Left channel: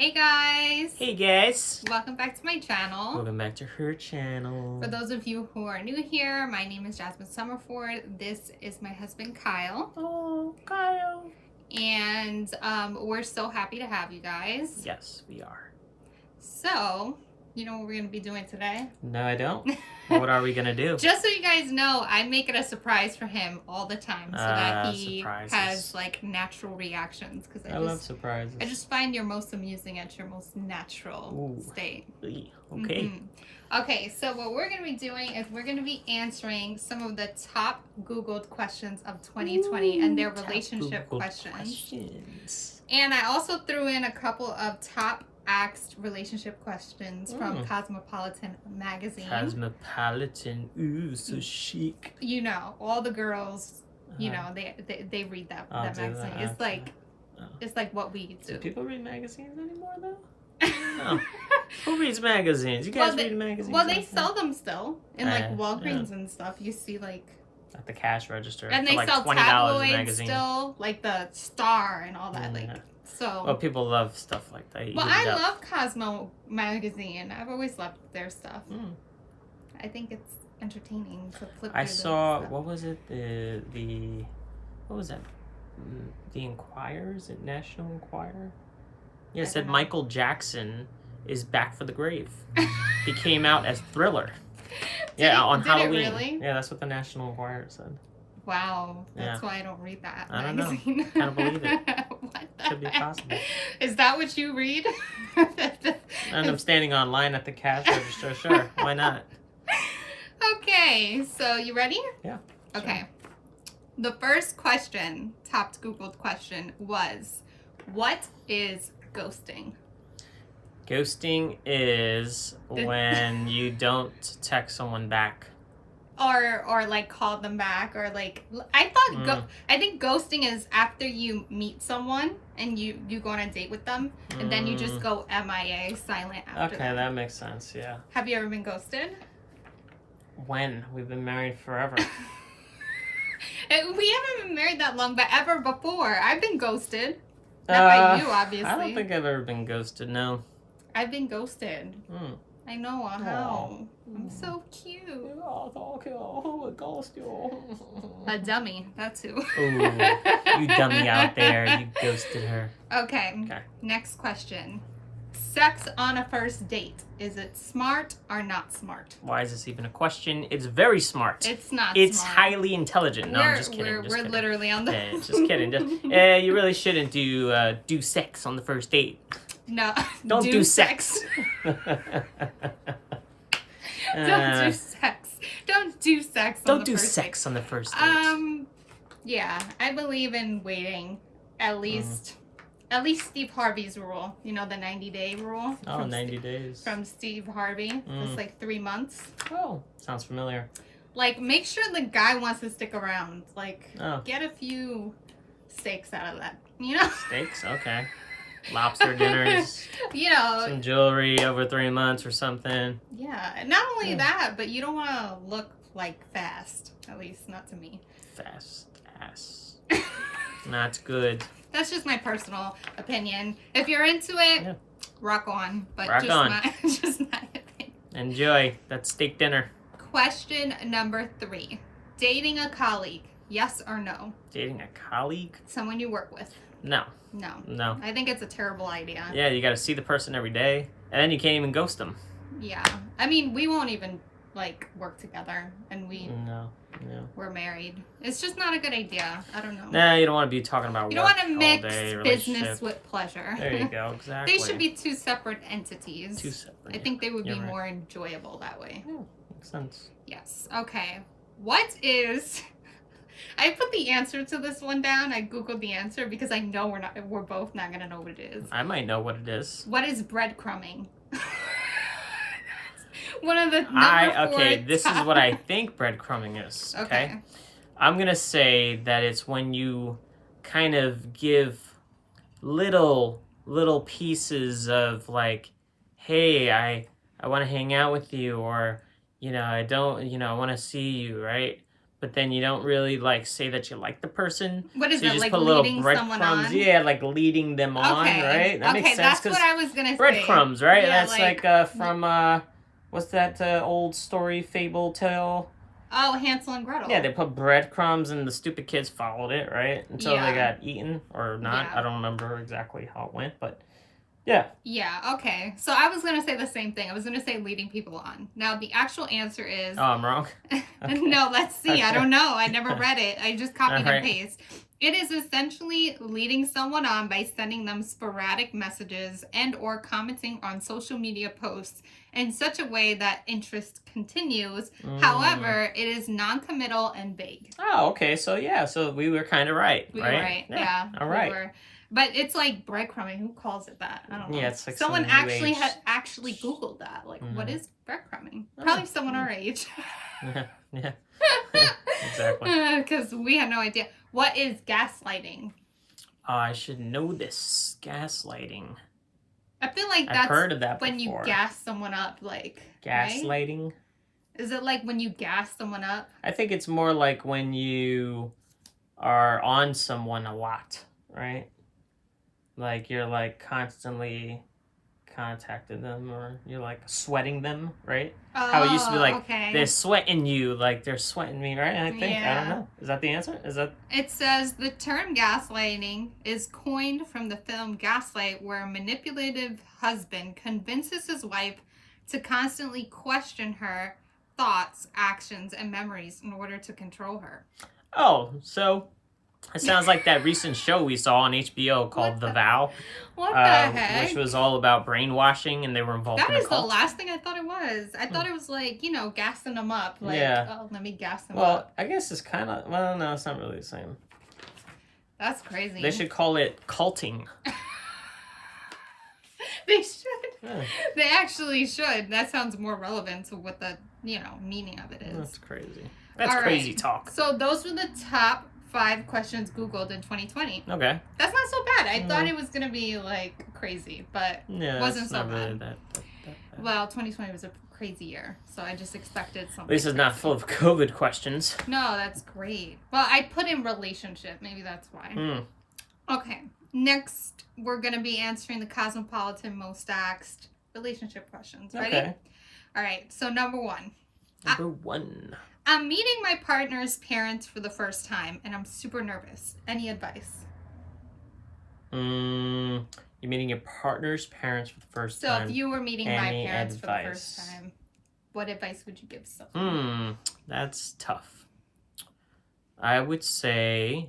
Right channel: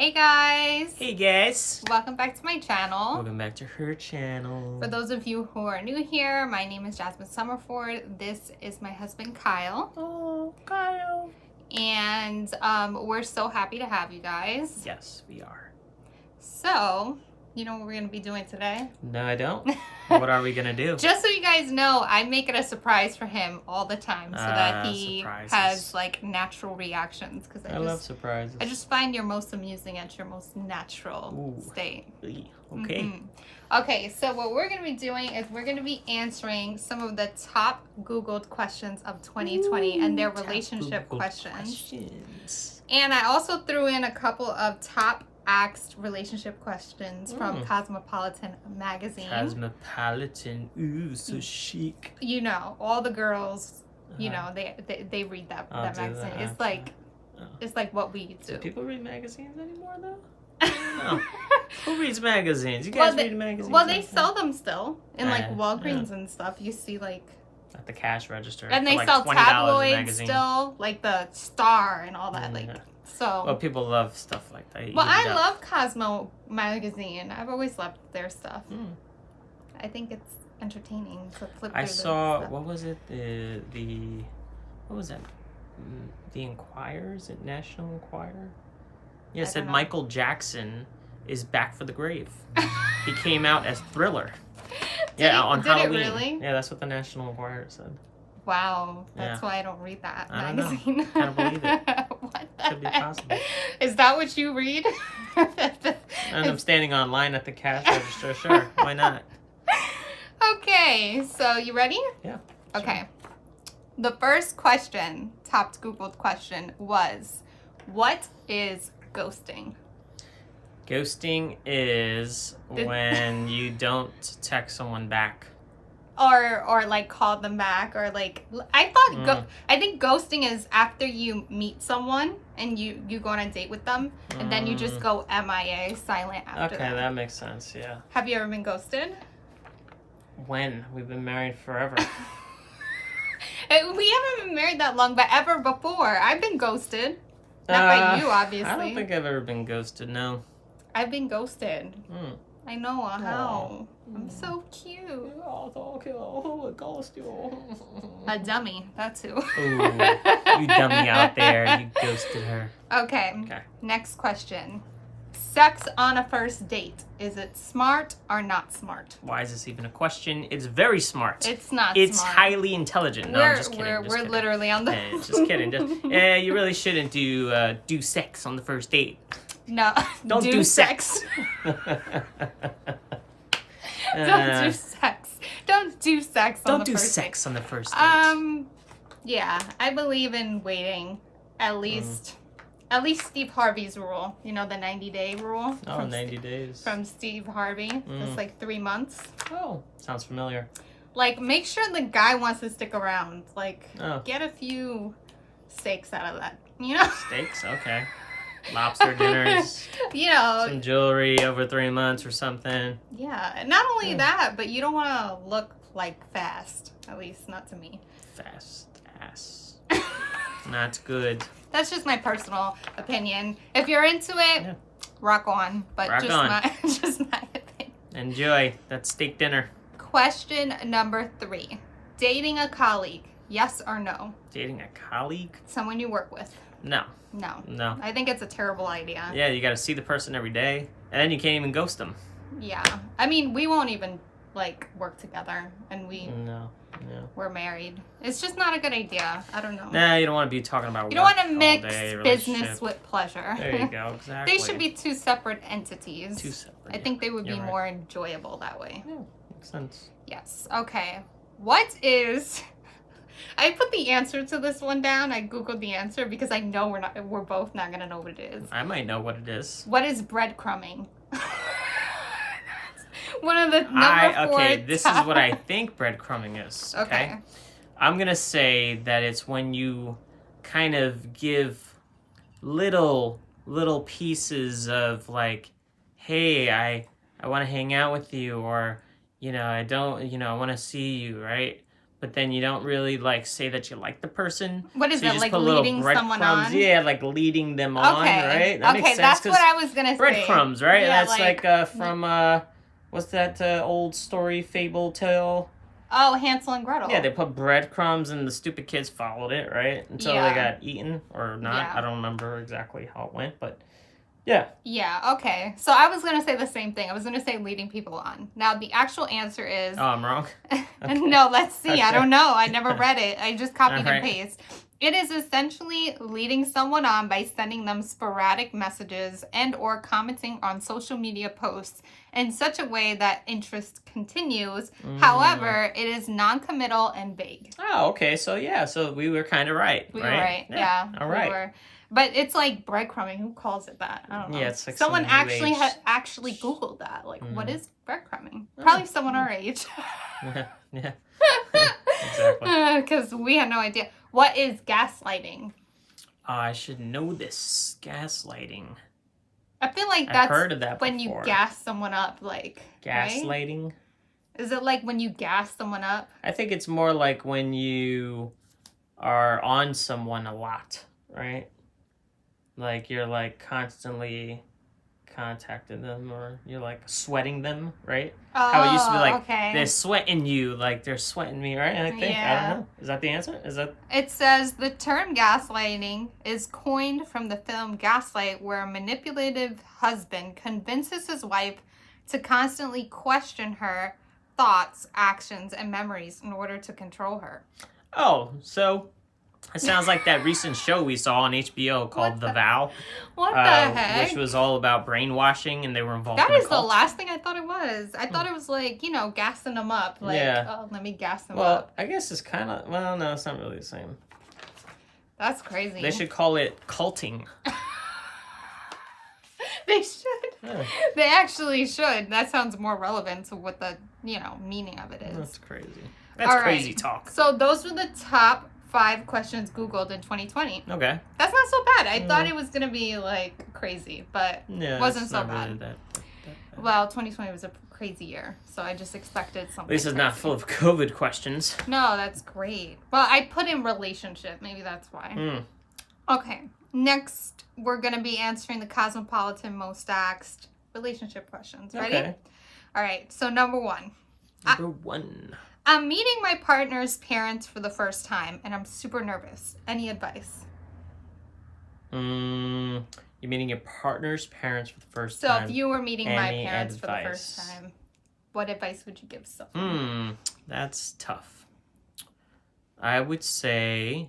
Hey guys! Hey guys! Welcome back to my channel. Welcome back to her channel. For those of you who are new here, my name is Jasmine Summerford. This is my husband Kyle. Oh, Kyle. And we're so happy to have you guys. Yes, we are. So, you know what we're going to be doing today? No, I don't. What are we going to do? Just so you guys know, I make it a surprise for him all the time so that he surprises. has like natural reactions. Because I love surprises. I just find you're most amusing at your most natural state. Okay. Mm-hmm. Okay, so what we're going to be doing is we're going to be answering some of the top Googled questions of 2020 and their relationship questions. And I also threw in a couple of top asked relationship questions from Cosmopolitan magazine. Cosmopolitan, ooh, so chic. You know, all the girls, you know, they read that magazine. It's like what we do. Do people read magazines anymore though? No. Who reads magazines? You guys read magazines? Well, they sell them still in like Walgreens and stuff. You see like at the cash register, and they for like sell $20 tabloids a magazine. Still, like the Star and all that. Like so. Well, people love stuff like that. Well, I love Cosmo magazine. I've always loved their stuff. I think it's entertaining to flip. I saw what was it? What was that? The Enquirer? Is it National Enquirer? Yeah, it said Michael Jackson is back for the grave. He came out as Thriller. On Halloween. Really? Yeah, that's what the National Enquirer said. Wow, that's why I don't read that. I don't know. Can't believe it. Could be possible. Is that what you read? And I'm standing online at the cash register. Sure, why not? Okay, so you ready? Yeah. Okay. Sure. The first question, top Googled question, was, what is ghosting? Ghosting is when you don't text someone back. Or like call them back, or like I think ghosting is after you meet someone and you go on a date with them and then you just go MIA, silent after Okay, that makes sense, yeah. Have you ever been ghosted? When? We've been married forever. We haven't been married that long, but ever before. I've been ghosted. Not by you, obviously. I don't think I've ever been ghosted, no. I've been ghosted. I know how. I'm so cute. Oh, thank you. Who would ghost you? A dummy. That's who. Ooh, you dummy out there. You ghosted her. Okay. Next question. Sex on a first date. Is it smart or not smart? Why is this even a question? It's very smart. It's not It's smart. highly intelligent. No, I'm just kidding. We're literally on the... just kidding. You really shouldn't do sex on the first date. No. Don't do sex. Don't do sex. Don't do sex on the first date. Don't do sex on the first date. Yeah, I believe in waiting. At least Steve Harvey's rule. You know, the 90-day rule? Oh, 90 days. From Steve Harvey. It's like 3 months. Oh, sounds familiar. Like, make sure the guy wants to stick around. Like, get a few steaks out of that. You know? Steaks? Okay. Lobster dinners. You know. Some jewelry over 3 months or something. Yeah. And not only that, but you don't want to look, like, fast. At least, not to me. Fast ass. Not good. That's just my personal opinion. If you're into it, rock on. But rock just on. just not a thing. Enjoy that steak dinner. Question number 3. Dating a colleague. Yes or no? Dating a colleague? Someone you work with. No. No. I think it's a terrible idea. Yeah, you got to see the person every day. And then you can't even ghost them. Yeah. I mean, we won't even, like, work together. And we're married. It's just not a good idea. I don't know. Nah, you don't want to be talking about work all day. You don't want to mix business with pleasure. There you go, exactly. They should be 2 separate entities. 2 separate. I think they would be more enjoyable that way. Yeah, makes sense. Yes. Okay. What is... I put the answer to this one down. I googled the answer because I know we're both not gonna know what it is. I might know what it is. What is breadcrumbing? One of the this is what I think breadcrumbing is. Okay. I'm gonna say that it's when you kind of give little pieces of like, hey, I want to hang out with you, or I don't, I want to see you, right? but then you don't really like say that you like the person. What is so you it, just like put little leading someone breadcrumbs. on? Yeah, like leading them on, Okay. right? That makes sense. That's what I was gonna say. Breadcrumbs, right? Yeah, That's like from what's that old story fable tale? Oh, Hansel and Gretel. Yeah, they put breadcrumbs and the stupid kids followed it, right? Until they got eaten or not. Yeah. I don't remember exactly how it went, but yeah. Yeah, okay. So I was going to say the same thing. I was going to say leading people on. Now, the actual answer is... Oh, I'm wrong? Okay. No, let's see. Okay. I don't know. I never read it. I just copied Right. and paste. It is essentially leading someone on by sending them sporadic messages and or commenting on social media posts in such a way that interest continues. However, it is non-committal and vague. Oh, okay. So, yeah. So, we were kind of right, We right? were right. Yeah. All right. But it's like breadcrumbing. Who calls it that? I don't know. Yeah, it's like someone actually actually Googled that. Like, what is breadcrumbing? Probably someone our age. Yeah. Exactly. Because we had no idea. What is gaslighting? I should know this. Gaslighting. I feel like I've that's heard of that when before. you gas someone up, like Gaslighting? Right? Is it like when you gas someone up? I think it's more like when you are on someone a lot, right? Like you're like constantly contacting them, or you're like sweating them, right? How it used to be like, they're sweating you, like they're sweating me, right? I think, I don't know. Is that the answer? Is that? It says the term gaslighting is coined from the film Gaslight, where a manipulative husband convinces his wife to constantly question her thoughts, actions, and memories in order to control her. Oh, so it sounds like that recent show we saw on HBO called The Vow. What the heck? Which was all about brainwashing, and they were involved in a cult. That is the last thing I thought it was. I thought it was like, gassing them up. Like, oh, let me gas them up. Well, I guess it's kind of, well, no, it's not really the same. That's crazy. They should call it culting. They should. Yeah. They actually should. That sounds more relevant to what the, meaning of it is. That's crazy. That's crazy talk. So those were the top 5 questions Googled in 2020. Okay. That's not so bad. I thought it was going to be, like, crazy, but wasn't so not bad. really that bad. Well, 2020 was a crazy year, so I just expected something. At least it's not full of COVID questions. No, that's great. Well, I put in relationship. Maybe that's why. Okay. Next, we're going to be answering the Cosmopolitan Most Asked relationship questions. Ready? Okay. All right. So, number 1. Number 1. I'm meeting my partner's parents for the first time, and I'm super nervous. Any advice? You're meeting your partner's parents for the first time. So, if you were meeting my parents advice? for the first time, what advice would you give someone? That's tough. I would say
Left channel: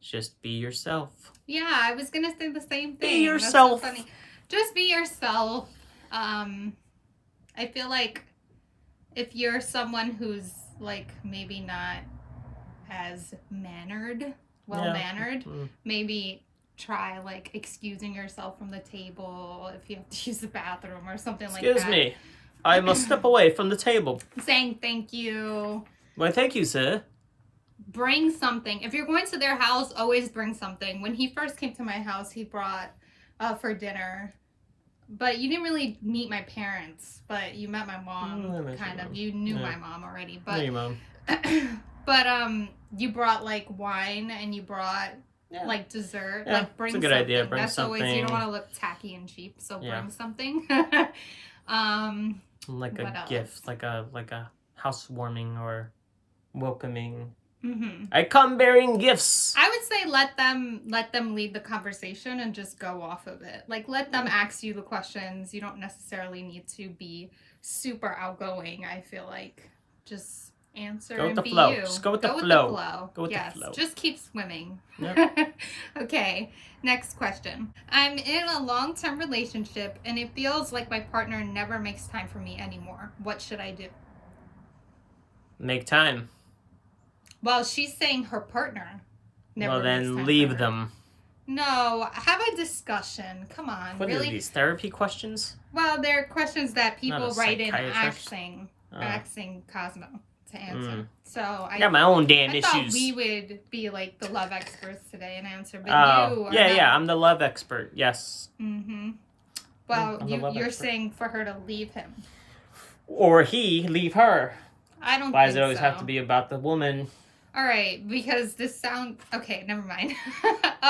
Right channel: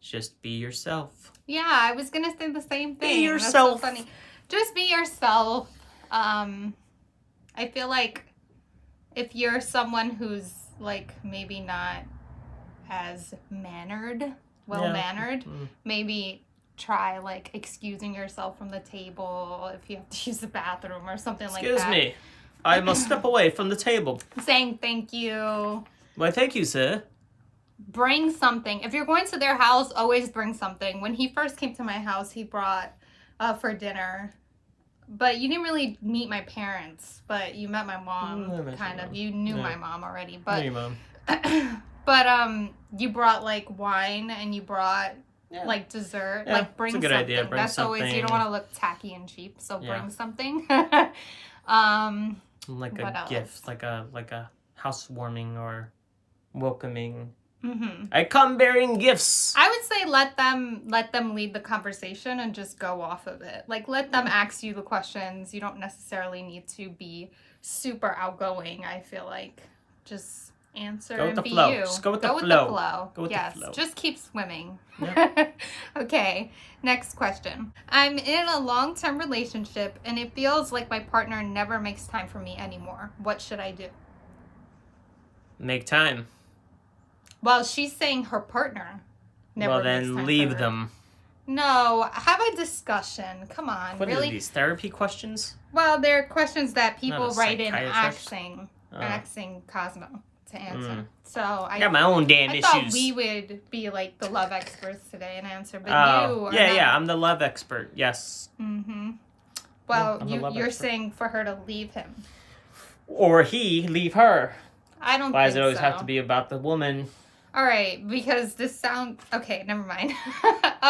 just be yourself. Yeah, I was going to say the same thing. Be yourself. That's so funny. Just be yourself. I feel like if you're someone who's like maybe not as well-mannered, maybe try like excusing yourself from the table if you have to use the bathroom or something like that. Excuse me. I must step away from the table. Saying thank you. Why, thank you, sir. Bring something. If you're going to their house, always bring something. When he first came to my house, he brought for dinner. But you didn't really meet my parents, but you met my mom, kind of. You knew my mom already. But, knew your mom. But you brought like wine and you brought like dessert. Yeah, like bring it's a good something. idea. Bring That's something. Always, you don't want to look tacky and cheap, so bring something. Like a gift, like a housewarming or welcoming. I come bearing gifts. I would say let them lead the conversation and just go off of it. Like let them ask you the questions. You don't necessarily need to be super outgoing. I feel like just answer go with and the be flow. you. Just go with the flow. Go with the flow. Just keep swimming. Yep. Okay. Next question. I'm in a long-term relationship and it feels like my partner never makes time for me anymore. What should I do? Make time. Well, she's saying her partner never Well, makes then time leave for her. them. No, have a discussion. Come on. What really? are these, therapy questions? Well, they're questions that people Not a write in psychiatrist? asking Cosmo to answer. So I got my own damn issues. thought we would be like the love experts today and answer, but you are yeah, I'm the love expert. Yes. Well, I'm the love you're expert. saying for her to leave him. Or he leave her. I don't Why think does it always so. have to be about the woman? All right, because this sound... Okay, never mind.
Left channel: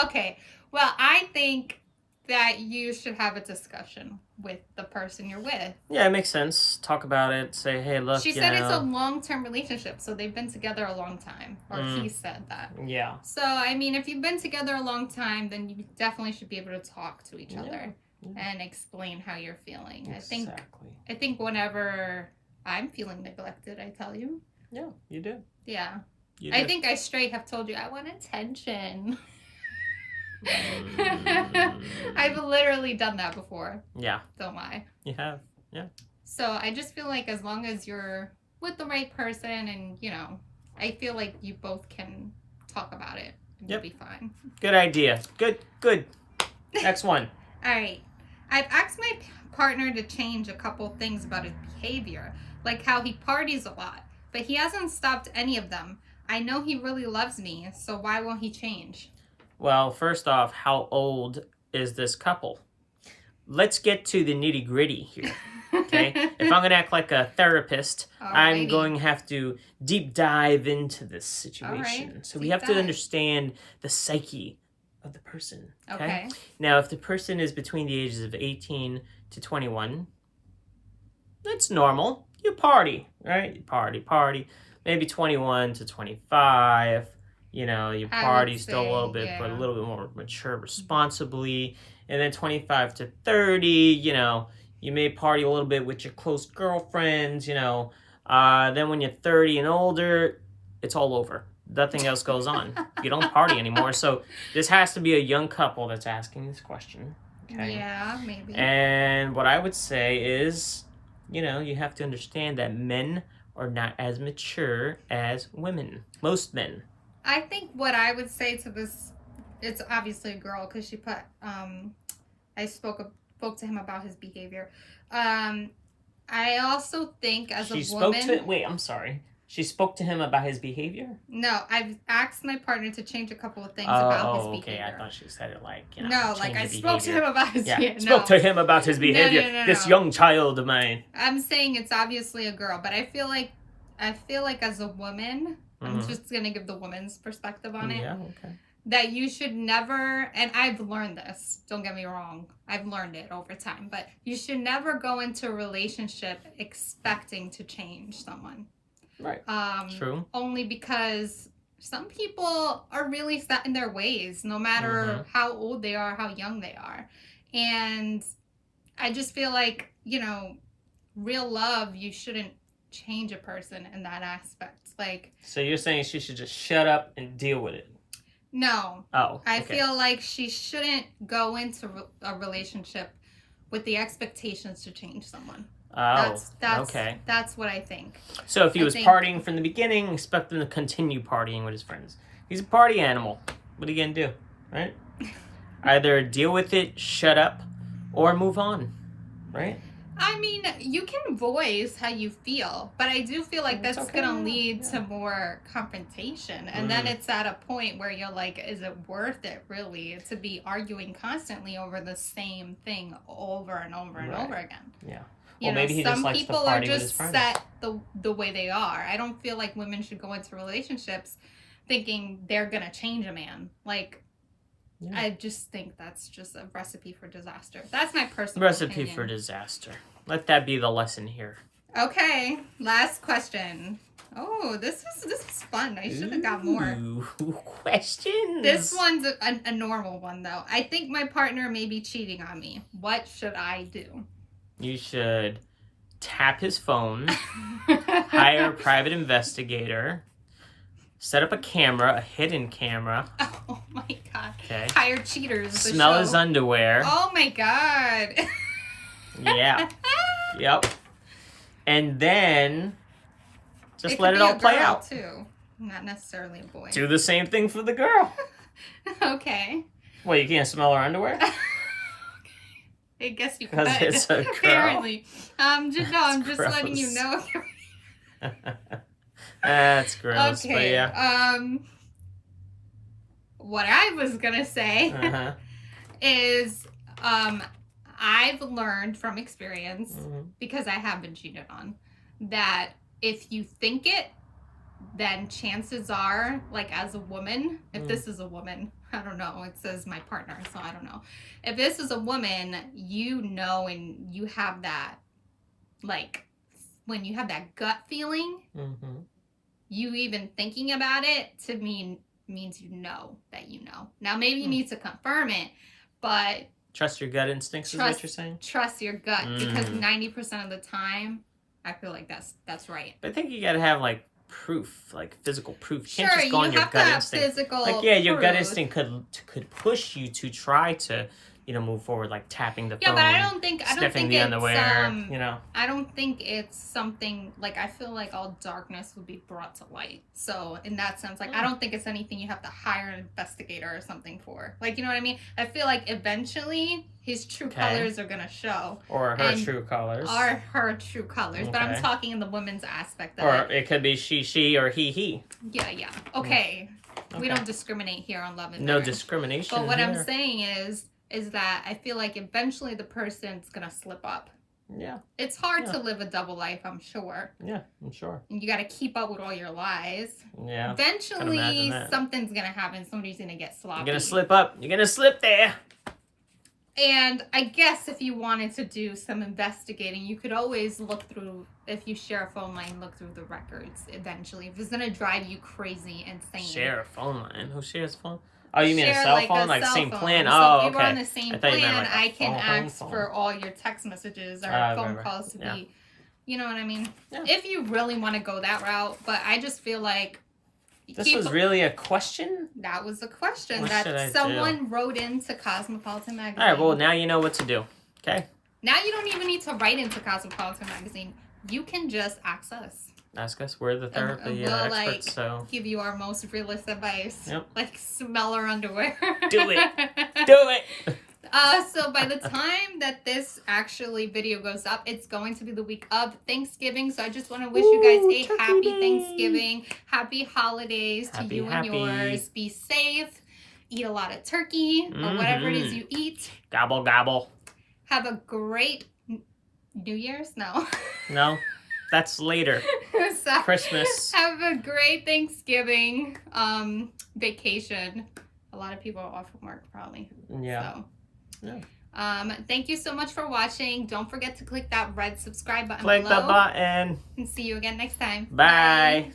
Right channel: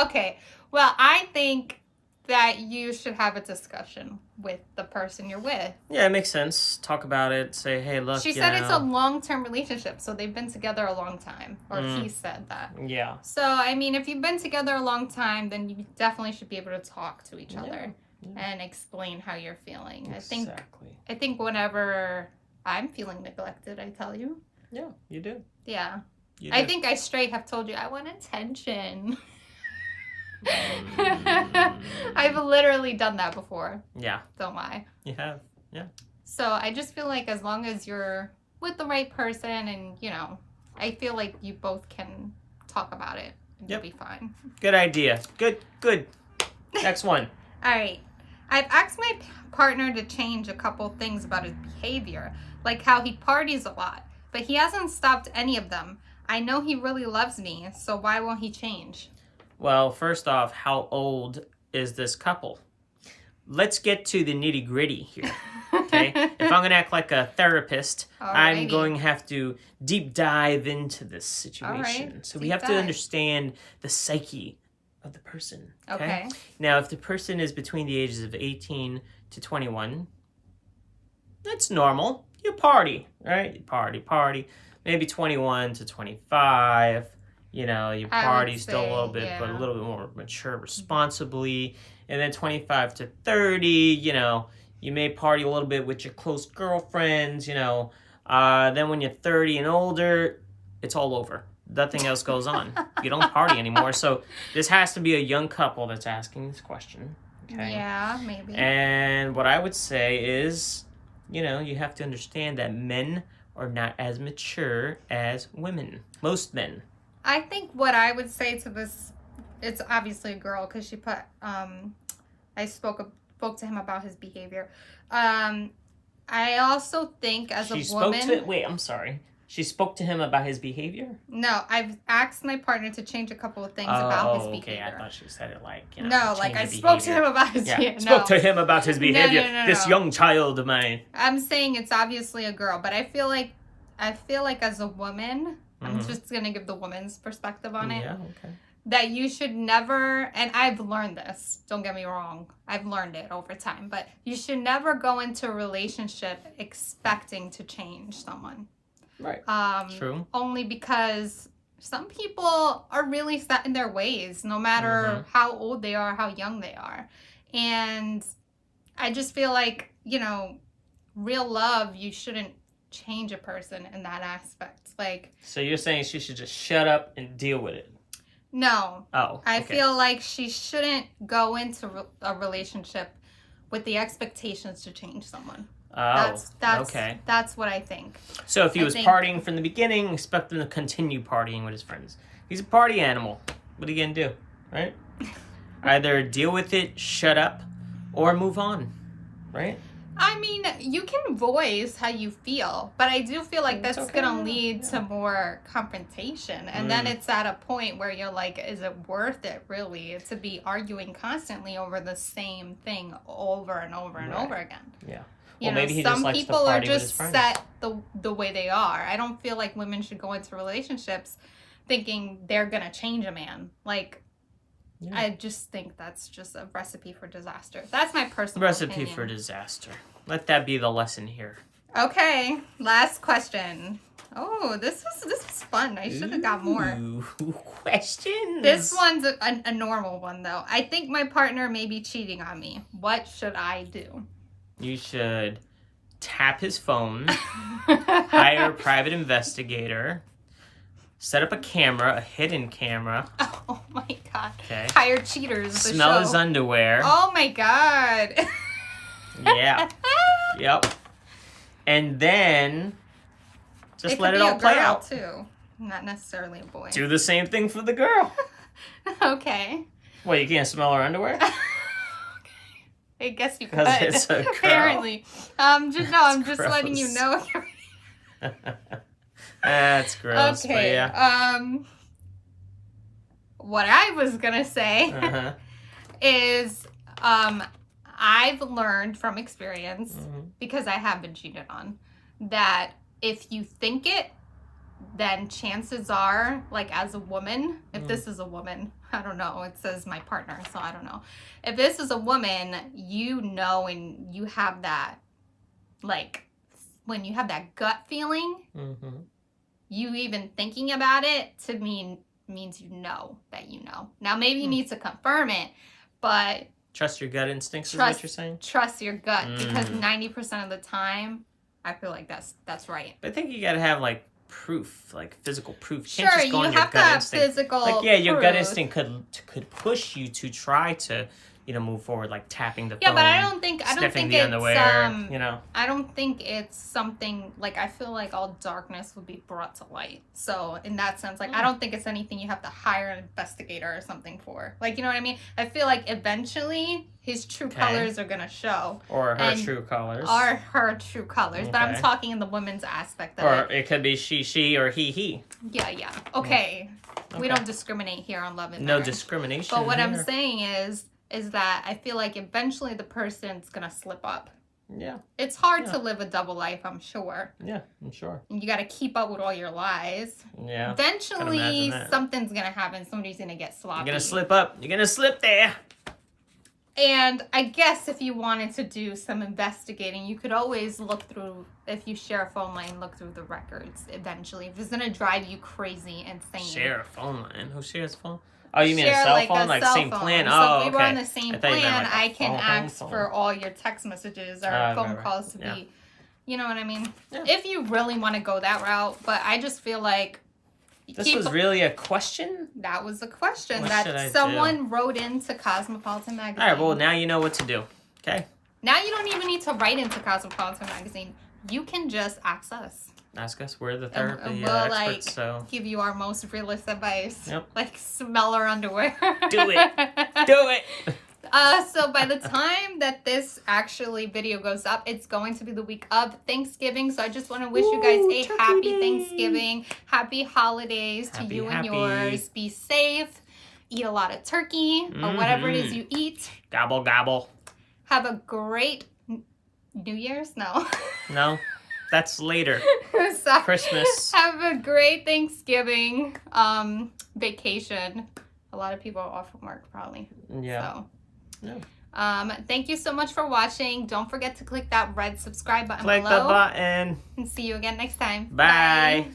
Okay, well, I think that you should have a discussion with the person you're with. Yeah, it makes sense. Talk about it. Say, hey, look, She said it's a long-term relationship, so they've been together a long time. Or he said that. Yeah. So, I mean, if you've been together a long time, then you definitely should be able to talk to each other and explain how you're feeling. Exactly. I think whenever I'm feeling neglected, I tell you. Yeah, you do. Yeah. You do. I think I straight have told you I want attention. I've literally done that before. Yeah. Don't lie. You have. Yeah. So I just feel like as long as you're with the right person and, you know, I feel like you both can talk about it and you'll be fine. Good idea. Good. Next one. All right. I've asked my partner to change a couple things about his behavior, like how he parties a lot, but he hasn't stopped any of them. I know he really loves me, so why won't he change? Well, first off, how old is this couple? Let's get to the nitty gritty here. Okay? If I'm going to act like a therapist, I'm going to have to deep dive into this situation. So we have to understand the psyche of the person. Okay? Now, if the person is between the ages of 18 to 21, that's normal. You party, right? You party. Maybe 21 to 25. You know, you party still a little bit, but a little bit more mature responsibly. And then 25 to 30, you know, you may party a little bit with your close girlfriends, you know. Then when you're 30 and older, it's all over. Nothing else goes on. You don't party anymore. So this has to be a young couple that's asking this question. Okay? Yeah, maybe. And what I would say is, you know, you have to understand that men are not as mature as women. Most men. I think what I would say to this, it's obviously a girl because she put, I spoke to him about his behavior. I also think as a woman... Wait, I'm sorry. She spoke to him about his behavior? No, I've asked my partner to change a couple of things about his behavior. Okay. I thought she said it like, you know, no, like I spoke to him about his behavior. Spoke to him about his behavior. No. This young child of mine. I'm saying it's obviously a girl, but I feel like as a woman, I'm just going to give the woman's perspective on it. Yeah, okay. That you should never, and I've learned this, don't get me wrong, I've learned it over time, but you should never go into a relationship expecting to change someone. Right. True. Only because some people are really set in their ways, no matter how old they are, how young they are. And I just feel like, you know, real love, you shouldn't change a person in that aspect. Like, so you're saying she should just shut up and deal with it? No. Oh, okay. I feel like she shouldn't go into a relationship with the expectations to change someone. Oh, okay. That's what I think. So if he was partying from the beginning, expect him to continue partying with his friends. He's a party animal. What are you going to do, right? Either deal with it, shut up, or move on, right? I mean, you can voice how you feel, but I do feel like that's going to lead to more confrontation. And then it's at a point where you're like, is it worth it, really, to be arguing constantly over the same thing over and over and over again? Yeah. Well, maybe he just likes to party with his friends. Some people are just set the way they are. I don't feel like women should go into relationships thinking they're going to change a man. Like, I just think that's just a recipe for disaster. That's my personal opinion. For disaster. Let that be the lesson here. Okay, last question. Oh, this was fun. I should have got more. Questions. This one's a normal one, though. I think my partner may be cheating on me. What should I do? You should tap his phone, hire a private investigator, set up a camera, a hidden camera. Oh my god. Okay. Hire cheaters. Smell his underwear. Oh my god. Yeah. Yep. And then just let it all play out. Too. Not necessarily a boy. Do the same thing for the girl. Okay. Well, you can't smell her underwear? I guess you could. Because it's a girl. Apparently. I'm just letting you know. That's gross, okay. But yeah. What I was gonna say is, I've learned from experience, because I have been cheated on, that if you think it, then chances are, like as a woman, if this is a woman, I don't know, it says my partner, so I don't know. If this is a woman, you know, and you have that, like, when you have that gut feeling, you even thinking about it to means you know that you know. Now, maybe you need to confirm it, but... Trust your gut instincts is what you're saying? Trust your gut, because 90% of the time, I feel like that's right. But I think you gotta have, like, proof, like physical proof. You can't just go you on your have gut to instinct. Physical like, yeah, your gut proof. instinct could push you to try to, you know, move forward, like tapping the phone. Yeah, but I don't think the underwear, you know. I don't think it's something like, I feel like all darkness would be brought to light. So in that sense, like, I don't think it's anything you have to hire an investigator or something for. Like, you know what I mean? I feel like eventually his true colors are gonna show. Or her true colors. Or her true colors. But I'm talking in the women's aspect of it. Or it could be she, or he. Yeah. Okay. We don't discriminate here on Love and No Marriage. discrimination. But what I'm saying is that I feel like eventually the person's gonna slip up. Yeah. It's hard to live a double life, I'm sure. Yeah, I'm sure. And you gotta keep up with all your lies. Yeah. Eventually, something's gonna happen. Somebody's gonna get sloppy. You're gonna slip up. You're gonna slip there. And I guess if you wanted to do some investigating, you could always look through, if you share a phone line, look through the records eventually. If it's gonna drive you crazy, insane. Share a phone line? Who shares a phone? Oh, you mean a Share, cell like, phone? a Like cell same phone. plan? So Oh, if okay. we were on the same I thought plan, you meant like I can ask phone. for all your text messages or phone calls to be, you know what I mean? Yeah. If you really want to go that route, but I just feel like... This was really a question? That was a question what that someone wrote into Cosmopolitan Magazine. All right, well, now you know what to do, okay? Now you don't even need to write into Cosmopolitan Magazine. You can just ask us. Ask us. We're the therapy we'll, experts, so... give you our most realist advice. Yep. Like, smell our underwear. Do it. Do it. So by the time that this video goes up, it's going to be the week of Thanksgiving. So I just want to wish you guys a happy Thanksgiving, happy holidays to you and yours. Be safe. Eat a lot of turkey or whatever it is you eat. Gobble, gobble. Have a great New Year's? No. No. That's later. So, Christmas. Have a great Thanksgiving vacation. A lot of people are off from work probably. Yeah. So. Yeah. Thank you so much for watching. Don't forget to click that red subscribe button below. Click the button. And see you again next time. Bye.